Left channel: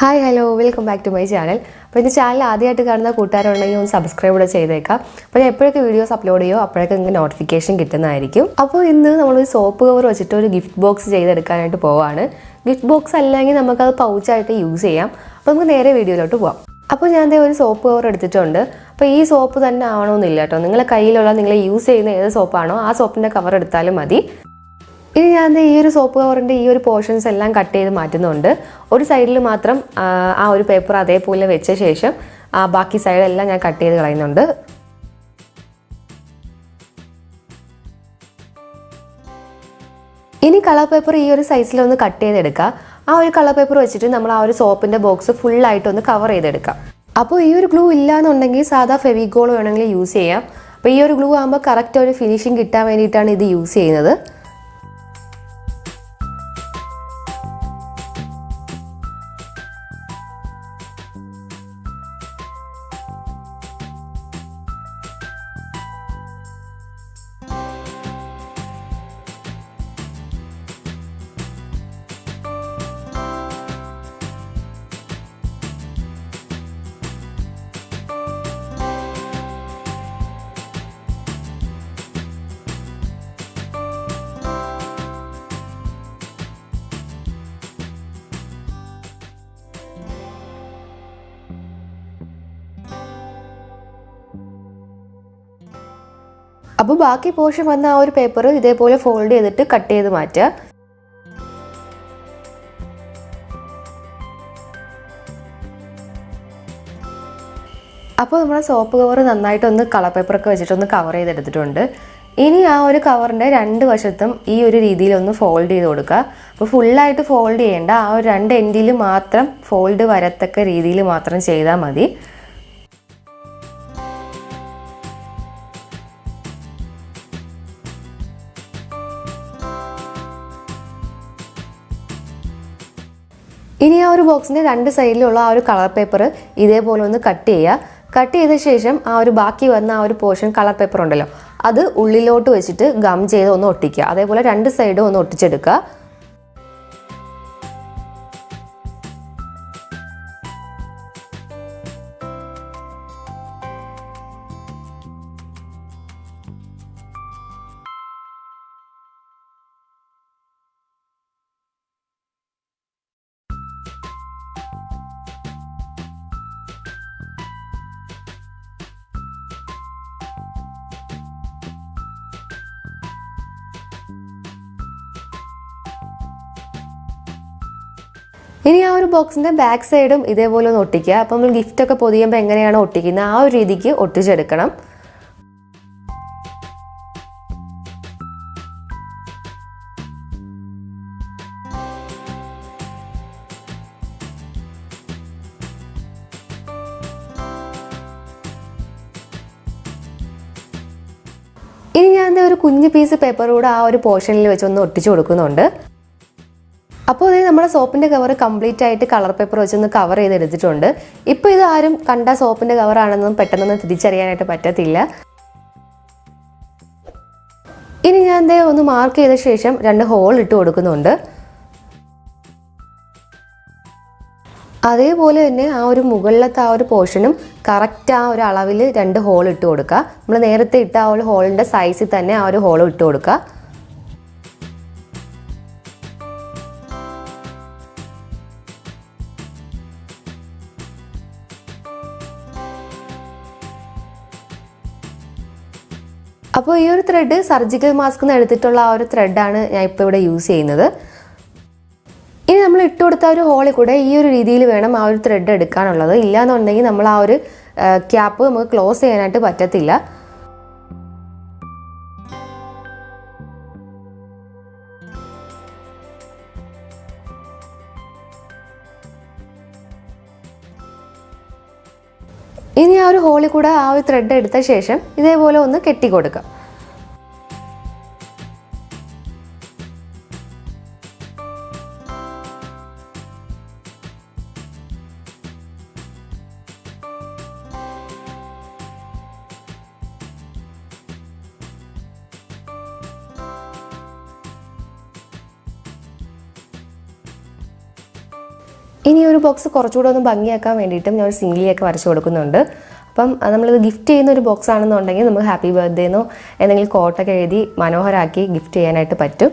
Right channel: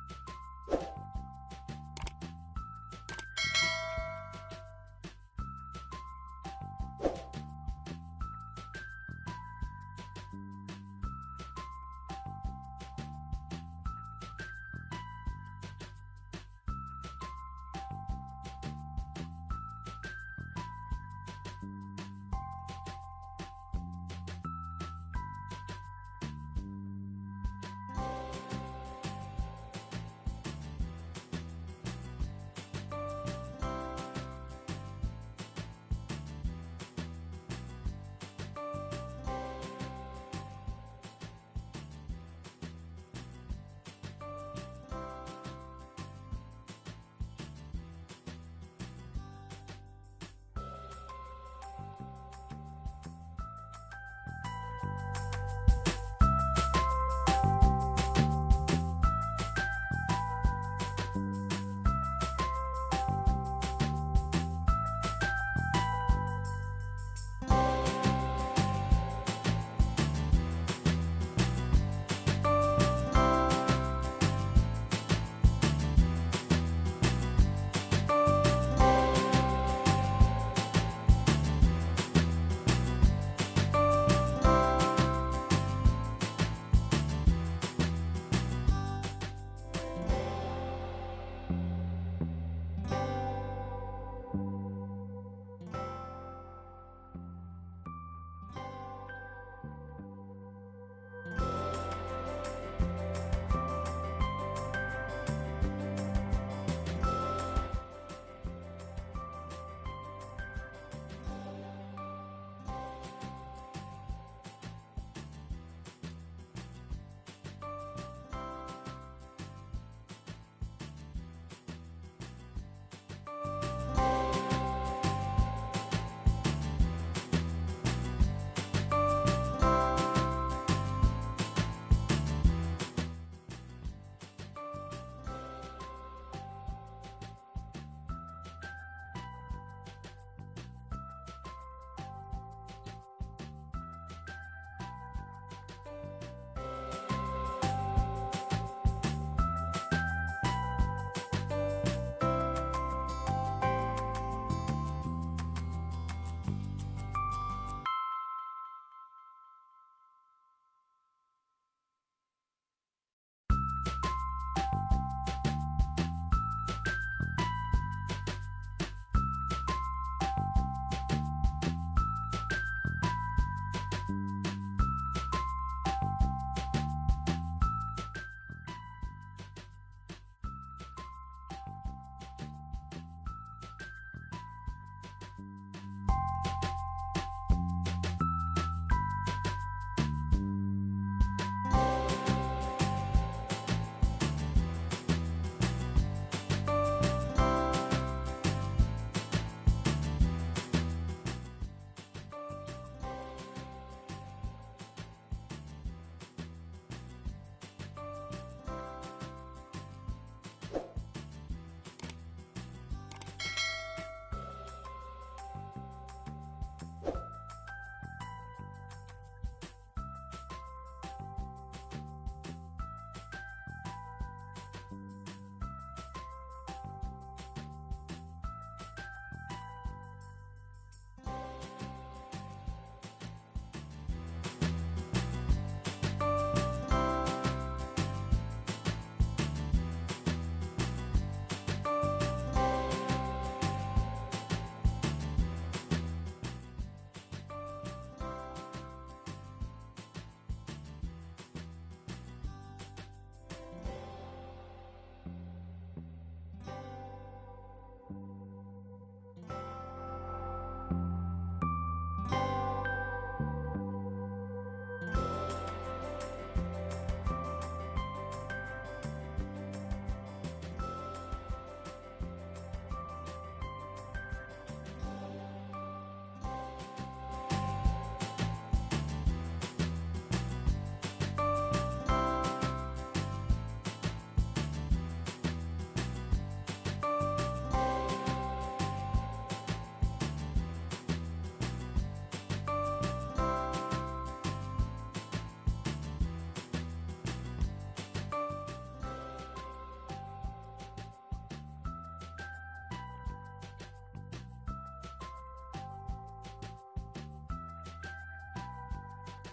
Hi, hello, welcome back to my channel. അപ്പോൾ ഈ channel ആദ്യമായിട്ട് കാണുന്ന കൂട്ടുകാരുണ്ടെങ്കിൽ ഒന്ന് സബ്സ്ക്രൈബ് കൂടെ ചെയ്തേക്കാം. അപ്പോൾ ഞാൻ എപ്പോഴൊക്കെ വീഡിയോസ് അപ്ലോഡ് ചെയ്യോ അപ്പോഴൊക്കെ നിങ്ങൾക്ക് നോട്ടിഫിക്കേഷൻ കിട്ടുന്നതായിരിക്കും. അപ്പോൾ ഇന്ന് നമ്മൾ സോപ്പ് കവർ വെച്ചിട്ട് ഒരു ഗിഫ്റ്റ് ബോക്സ് ചെയ്തെടുക്കാനായിട്ട് പോവാണ്. ഗിഫ്റ്റ് ബോക്സ് അല്ലെങ്കിൽ നമുക്കത് പൗച്ചായിട്ട് യൂസ് ചെയ്യാം. അപ്പോൾ നമുക്ക് നേരെ വീഡിയോയിലോട്ട് പോവാം. അപ്പോൾ ഞാൻ ഒരു സോപ്പ് കവർ എടുത്തിട്ടുണ്ട്. അപ്പോൾ ഈ സോപ്പ് തന്നെ ആവണമെന്നില്ല കേട്ടോ. നിങ്ങളുടെ കയ്യിലുള്ള നിങ്ങൾ യൂസ് ചെയ്യുന്ന ഏത് സോപ്പാണോ ആ സോപ്പിൻ്റെ കവർ എടുത്താലും മതി. ഇനി ഞാൻ ഈ ഒരു സോപ്പ് കവറിൻ്റെ ഈ ഒരു പോർഷൻസ് എല്ലാം കട്ട് ചെയ്ത് മാറ്റുന്നുണ്ട്. ഒരു സൈഡിൽ മാത്രം ആ ഒരു പേപ്പർ അതേപോലെ വെച്ച ശേഷം ബാക്കി സൈഡെല്ലാം ഞാൻ കട്ട് ചെയ്ത് കളയുന്നുണ്ട്. ഇനി കളർ പേപ്പർ ഈ ഒരു സൈസിലൊന്ന് കട്ട് ചെയ്തെടുക്കുക. ആ ഒരു കളർ പേപ്പർ വെച്ചിട്ട് നമ്മൾ ആ ഒരു സോപ്പിൻ്റെ ബോക്സ് ഫുള്ളായിട്ടൊന്ന് കവർ ചെയ്തെടുക്കാം. അപ്പോൾ ഈ ഒരു ഗ്ലൂ ഇല്ലയെന്നുണ്ടെങ്കിൽ സാധാ ഫെവിക്കോൾ വേണമെങ്കിൽ യൂസ് ചെയ്യാം. അപ്പോൾ ഈ ഒരു ഗ്ലൂ ആകുമ്പോൾ കറക്റ്റ് ഒരു ഫിനിഷിങ് കിട്ടാൻ വേണ്ടിയിട്ടാണ് ഇത് യൂസ് ചെയ്യുന്നത്. അപ്പോൾ ബാക്കി പോർഷൻ വന്ന ആ ഒരു പേപ്പർ ഇതേപോലെ ഫോൾഡ് ചെയ്തിട്ട് കട്ട് ചെയ്ത് മാറ്റുക. അപ്പോൾ നമ്മുടെ സോപ്പ് കവർ നന്നായിട്ടൊന്ന് കളർ പേപ്പറൊക്കെ വെച്ചിട്ടൊന്ന് കവർ ചെയ്തെടുത്തിട്ടുണ്ട്. ഇനി ആ ഒരു കവറിൻ്റെ രണ്ട് വശത്തും ഈ ഒരു രീതിയിലൊന്ന് ഫോൾഡ് ചെയ്ത് കൊടുക്കുക. അപ്പോൾ ഫുള്ളായിട്ട് ഫോൾഡ് ചെയ്യേണ്ട, ആ ഒരു രണ്ട് എൻഡിൽ മാത്രം ഫോൾഡ് വരത്തക്ക രീതിയിൽ മാത്രം ചെയ്താൽ മതി. ഇനി ആ ഒരു ബോക്സിൻ്റെ രണ്ട് സൈഡിലുള്ള ആ ഒരു കളർ പേപ്പർ ഇതേപോലെ ഒന്ന് കട്ട് ചെയ്യുക. കട്ട് ചെയ്ത ശേഷം ആ ഒരു ബാക്കി വന്ന ആ ഒരു പോർഷൻ കളർ പേപ്പർ ഉണ്ടല്ലോ അത് ഉള്ളിലോട്ട് വെച്ചിട്ട് ഗം ചെയ്ത് ഒന്ന് ഒട്ടിക്കുക. അതേപോലെ രണ്ട് സൈഡും ഒന്ന് ഒട്ടിച്ചെടുക്കുക. ഇനി ആ ഒരു ബോക്സിൻ്റെ ബാക്ക് സൈഡും ഇതേപോലെ ഒന്ന് ഒട്ടിക്കുക. അപ്പോൾ നമ്മൾ ഗിഫ്റ്റൊക്കെ പൊതിയുമ്പോൾ എങ്ങനെയാണോ ഒട്ടിക്കുന്നത് ആ ഒരു രീതിക്ക് ഒട്ടിച്ചെടുക്കണം. ഇനി ഞാൻ ഒരു കുഞ്ഞ് പീസ് പേപ്പർ കൂടെ ആ ഒരു പോർഷനിൽ വെച്ചൊന്ന് ഒട്ടിച്ചു കൊടുക്കുന്നുണ്ട്. അപ്പോൾ ഇത് നമ്മുടെ സോപ്പിൻ്റെ കവർ കംപ്ലീറ്റ് ആയിട്ട് കളർ പേപ്പർ വെച്ചൊന്ന് കവർ ചെയ്തെടുത്തിട്ടുണ്ട്. ഇപ്പോൾ ഇത് ആരും കണ്ട സോപ്പിൻ്റെ കവറാണെന്നും പെട്ടെന്നൊന്നും തിരിച്ചറിയാനായിട്ട് പറ്റത്തില്ല. ഇനി ഞാൻ ഒന്ന് മാർക്ക് ചെയ്ത ശേഷം രണ്ട് ഹോൾ ഇട്ട് കൊടുക്കുന്നുണ്ട്. അതേപോലെ തന്നെ ആ ഒരു മുകളിലത്തെ ആ ഒരു പോർഷനും കറക്റ്റ് ആ ഒരു അളവിൽ രണ്ട് ഹോൾ ഇട്ട് കൊടുക്കുക. നമ്മൾ നേരത്തെ ഇട്ട ആ ഒരു ഹോളിൻ്റെ സൈസിൽ തന്നെ ആ ഒരു ഹോൾ ഇട്ട് കൊടുക്കുക. അപ്പോൾ ഈ ഒരു ത്രെഡ് സർജിക്കൽ മാസ്കിൽ നിന്ന് എടുത്തിട്ടുള്ള ആ ഒരു ത്രെഡാണ് ഞാൻ ഇപ്പോൾ ഇവിടെ യൂസ് ചെയ്യുന്നത്. ഇനി നമ്മൾ ഇട്ട് കൊടുത്ത ഒരു ഹോളിൽ കൂടെ ഈ ഒരു രീതിയിൽ വേണം ആ ഒരു ത്രെഡ് എടുക്കാനുള്ളത്. ഇല്ലയെന്നുണ്ടെങ്കിൽ നമ്മൾ ആ ഒരു ക്യാപ്പ് നമുക്ക് ക്ലോസ് ചെയ്യാനായിട്ട് പറ്റത്തില്ല. ഇനി ആ ഒരു ഹോളിൽ കൂടെ ആ ഒരു ത്രെഡ് എടുത്ത ശേഷം ഇതേപോലെ ഒന്ന് കെട്ടി കൊടുക്കാം. ഇനി ഒരു ബോക്സ് കുറച്ചുകൂടെ ഒന്ന് ഭംഗിയാക്കാൻ വേണ്ടിയിട്ടും ഞാൻ ഒരു സിംഗ്ലിയൊക്കെ വരച്ച് കൊടുക്കുന്നുണ്ട്. അപ്പം നമ്മളിത് ഗിഫ്റ്റ് ചെയ്യുന്ന ഒരു ബോക്സ് ആണെന്നുണ്ടെങ്കിൽ നമുക്ക് ഹാപ്പി ബർത്ത്ഡേ എന്നോ എന്തെങ്കിലും കോട്ടൊക്കെ എഴുതി മനോഹരമാക്കി ഗിഫ്റ്റ് ചെയ്യാനായിട്ട് പറ്റും.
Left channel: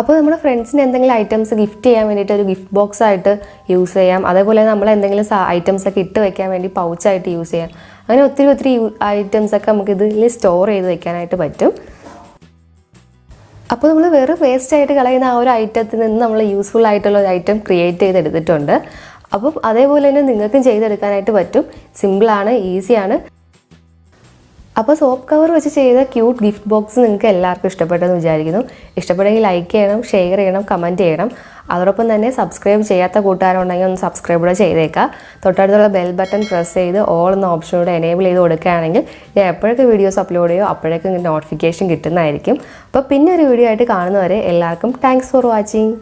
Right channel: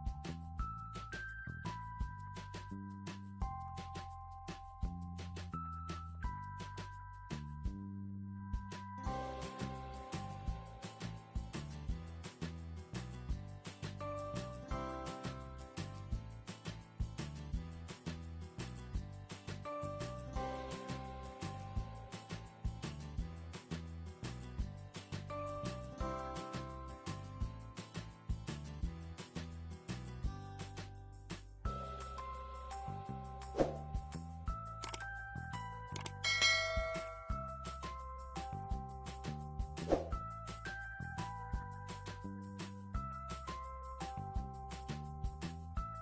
അപ്പോൾ നമ്മുടെ ഫ്രണ്ട്സിന് എന്തെങ്കിലും ഐറ്റംസ് ഗിഫ്റ്റ് ചെയ്യാൻ വേണ്ടിയിട്ട് ഒരു ഗിഫ്റ്റ് ബോക്സ് ആയിട്ട് യൂസ് ചെയ്യാം. അതേപോലെ നമ്മൾ എന്തെങ്കിലും ഐറ്റംസ് ഒക്കെ ഇട്ട് വെക്കാൻ വേണ്ടി പൗച്ചായിട്ട് യൂസ് ചെയ്യാം. അങ്ങനെ ഒത്തിരി ഐറ്റംസ് ഒക്കെ നമുക്ക് ഇതിൽ സ്റ്റോർ ചെയ്ത് വെക്കാനായിട്ട് പറ്റും. അപ്പോൾ നമ്മൾ വെറും വേസ്റ്റ് ആയിട്ട് കളയുന്ന ആ ഒരു ഐറ്റത്തിൽ നിന്ന് നമ്മൾ യൂസ്ഫുൾ ആയിട്ടുള്ള ഒരു ഐറ്റം ക്രിയേറ്റ് ചെയ്തെടുത്തിട്ടുണ്ട്. അപ്പം അതേപോലെ തന്നെ നിങ്ങൾക്കും ചെയ്തെടുക്കാനായിട്ട് പറ്റും. സിമ്പിളാണ്, ഈസിയാണ്. അപ്പോൾ സോപ്പ് കവർ വെച്ച് ചെയ്ത ക്യൂട്ട് ഗിഫ്റ്റ് ബോക്സ് നിങ്ങൾക്ക് എല്ലാവർക്കും ഇഷ്ടപ്പെട്ടെന്ന് വിചാരിക്കുന്നു. ഇഷ്ടപ്പെട്ടെങ്കിൽ ലൈക്ക് ചെയ്യണം, ഷെയർ ചെയ്യണം, കമൻറ്റ് ചെയ്യണം. അതോടൊപ്പം തന്നെ സബ്സ്ക്രൈബ് ചെയ്യാത്ത കൂട്ടുകാരുണ്ടെങ്കിൽ ഒന്ന് സബ്സ്ക്രൈബ് കൂടെ ചെയ്തേക്കാം. തൊട്ടടുത്തുള്ള ബെൽ ബട്ടൺ പ്രസ് ചെയ്ത് ഓൾ എന്ന ഓപ്ഷനോട് എനേബിൾ ചെയ്ത് കൊടുക്കുകയാണെങ്കിൽ ഞാൻ എപ്പോഴൊക്കെ വീഡിയോസ് അപ്ലോഡ് ചെയ്യുമോ അപ്പോഴേക്കും നോട്ടിഫിക്കേഷൻ കിട്ടുന്നതായിരിക്കും. അപ്പോൾ പിന്നെ ഒരു വീഡിയോ ആയിട്ട് കാണുന്നവരെ എല്ലാവർക്കും താങ്ക്സ് ഫോർ വാച്ചിങ്.